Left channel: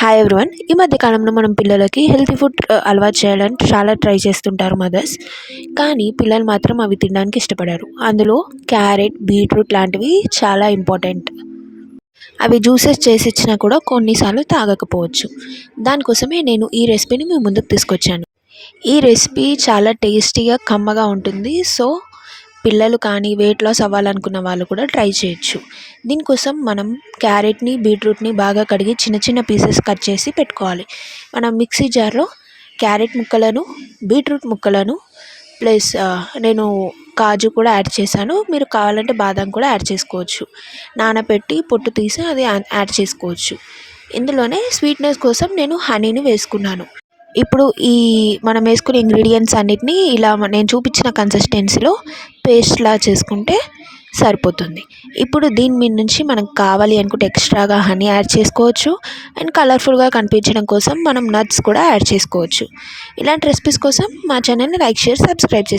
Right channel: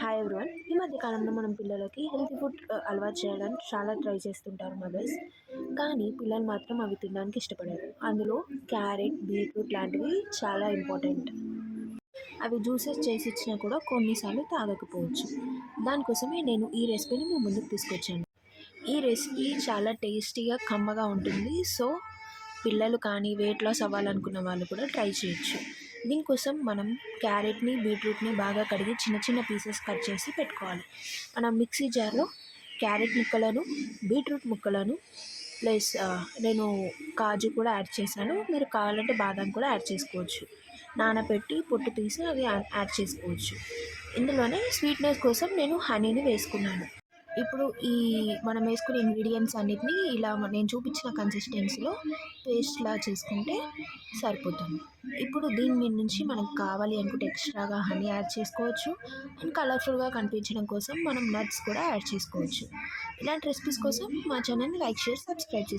Hi everyone. ఈ మధ్య కాలంలో మనం పిల్లలకి హెల్తీ ఫుడ్ అలవాటు చేయడానికి చాలా ట్రై చేస్తుంటారు మదర్స్. కానీ పిల్లలు మాత్రం అవి తినడానికి ఇష్టపడరు. అందులో క్యారెట్, బీట్రూట్ లాంటివి చాలా ఇంపార్టెంట్. అవి జ్యూసెస్ చేసి ఇచ్చినా కూడా కొన్నిసార్లు తాగకపోవచ్చు. దానికోసమే నేను ఈ రెసిపీని మీ ముందుకు తీసుకొచ్చాను. ఈ రెసిపీ చాలా టేస్టీగా, కమ్మగా ఉంటుంది. సో పిల్లలు కానీ వెయిట్ లాస్ అవ్వాలనుకున్న వాళ్ళు కూడా ట్రై చేయొచ్చు. దీనికోసం మనం క్యారెట్ని, బీట్రూట్ని బాగా కడిగి చిన్న చిన్న పీసెస్ కట్ చేసి పెట్టుకోవాలి. మనం మిక్సీ జార్లో క్యారెట్ ముక్కలను, బీట్రూట్ ముక్కలను ప్లస్ నేను కాజు కూడా యాడ్ చేశాను. మీరు కావాలంటే బాదం కూడా యాడ్ చేసుకోవచ్చు. నానబెట్టి పొట్టు తీసి అది యాడ్ చేసుకోవచ్చు. ఇందులోనే స్వీట్నెస్ కోసం నేను హనీని వేసుకున్నాను. ఇప్పుడు మనం వేసుకునే ఇంగ్రీడియంట్స్ అన్నిటినీ ఇలా నేను చూపించిన కన్సిస్టెన్సీలో పేస్ట్లా చేసుకుంటే సరిపోతుంది. ఇప్పుడు దీని మీద నుంచి మనకు కావాలి అనుకుంటే ఎక్స్ట్రాగా హనీ యాడ్ చేసుకోవచ్చు. అండ్ కలర్ఫుల్గా కనిపించడం కోసం మనం నట్స్ కూడా యాడ్ చేసుకోవచ్చు. ఇలాంటి రెసిపీస్ కోసం మా ఛానల్ని లైక్, షేర్, సబ్స్క్రైబ్ చేసుకోండి.